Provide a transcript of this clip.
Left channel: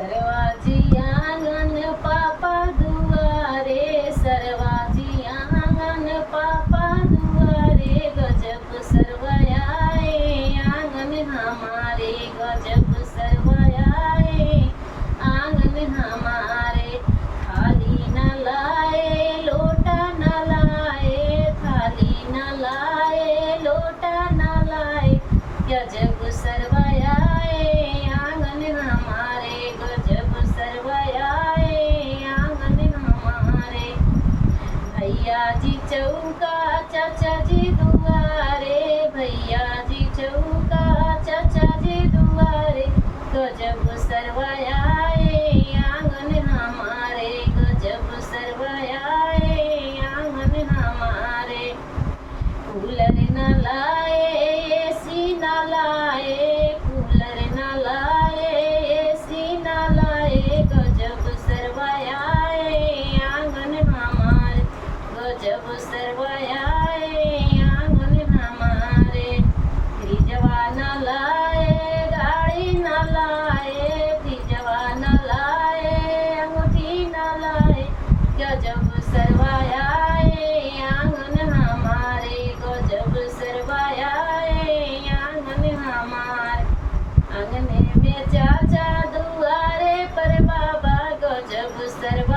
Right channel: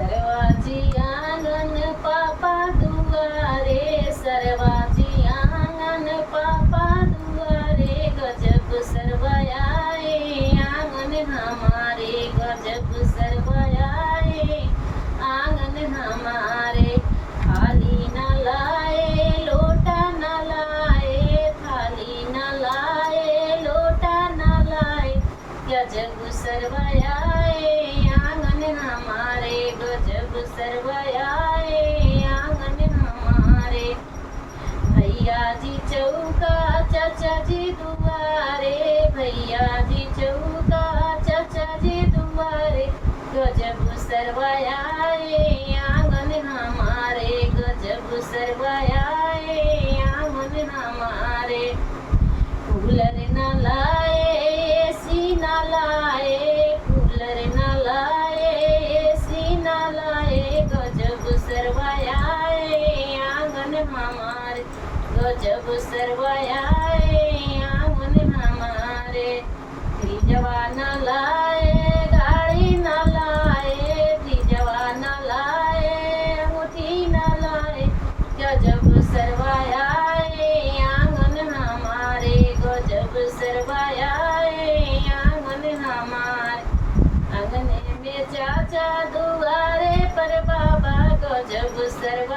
सरवाजी आंगन पापा दुआरे, सरवाजी आंगन पापा दुआरे, गजब सरवयाए आंगन हमारे, गजब सरवयाए आंगन हमारे। थाली न लाए लोटा न लाए, थाली न लाए लोटा न लाए, गजब सरवयाए आंगन हमारे, गजब सरवयाए आंगन हमारे। भैया जी चौका चाचा जी दुआरे, भैया जी चौका चाचा जी दुआरे, गजब सरवयाए आंगन हमारे, गजब सरवयाए आंगन हमारे। कूलर न लाए एसी न लाए, कूलर न लाए एसी न लाए, गजब सरवयाए आंगन हमारे, गजब सरवयाए आंगन हमारे। फ्रिजवा न लाए गाड़ी न लाए, फ्रिजवा न लाए अंगूठी न लाए, गजब सरवयाए आंगन हमारे, गजब सरवयाए आंगन हमारे। आंगने में चाचा दुआरे पर बाबा, गजब सरवयाए